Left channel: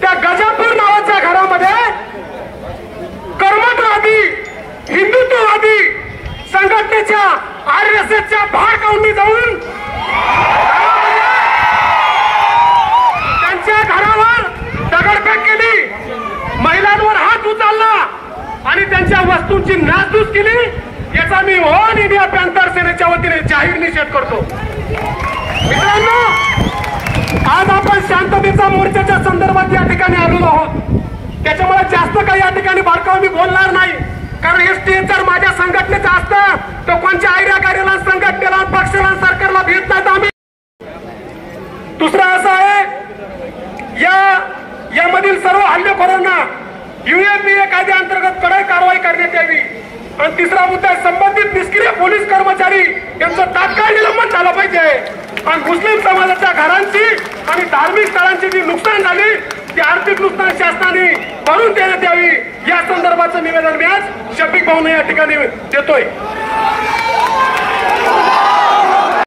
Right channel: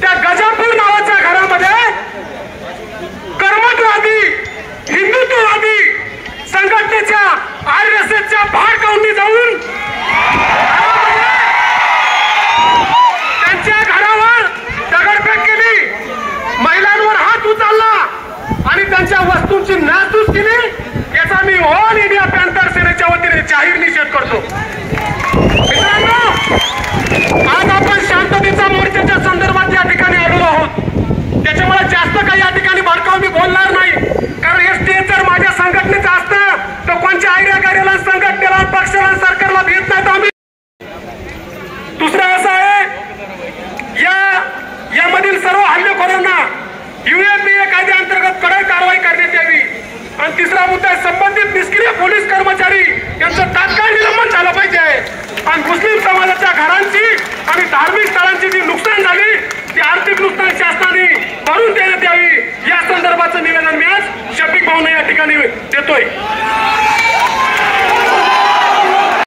त्या गजापूर नावाच्या घरामध्ये कर्मठवादी हिंदुत्ववादी संघटनेच्या RSSच्या भाडकाऊंनी जाऊन त्यांच्या घरावर दगडफेक केली, महिलांवर हात उचलला आणि त्यांच्या वस्तूंची नासधूस केली। याचा मी ऑल इंडिया पॅंथर सेनेच्या वतीने जाहीर निषेध करतो। मित्रांनो, आज आपण शांततेच्या मोर्चाच्या संदर्भात या ठिकाणी आलेलो आहोत। त्याच्यामुळे जास्त काही या ठिकाणी भडकाव मी बोलणार नाही, कारण हे स्टेज जर माझ्या संघटनेचं असतं तर कोणत्या आयडिया गाड्याला, संघटनेला, पक्षाला, सरकारला भेट नाही आम्ही। दुसरा असा आहे, यामधील सर्व हल्लेखोरांना UAPA कायद्याअंतर्गत कडक कारवाई करण्यात यावी। आणि तिसरा मुद्दा, संबंधित निष्क्रिय पोलीस कर्मचारी यांचं तात्काळ निलंबन झालं पाहिजे। आणि मुस्लिम समाजाच्या घरांची आणि धार्मिक स्थळांची जी नुकसान झाली ती आर्थिक नुकसान शासनाने भरून देण्यात यावी, या संदर्भाचं निवेदन मी आज शफिक भाऊंना या ठिकाणी देतोय।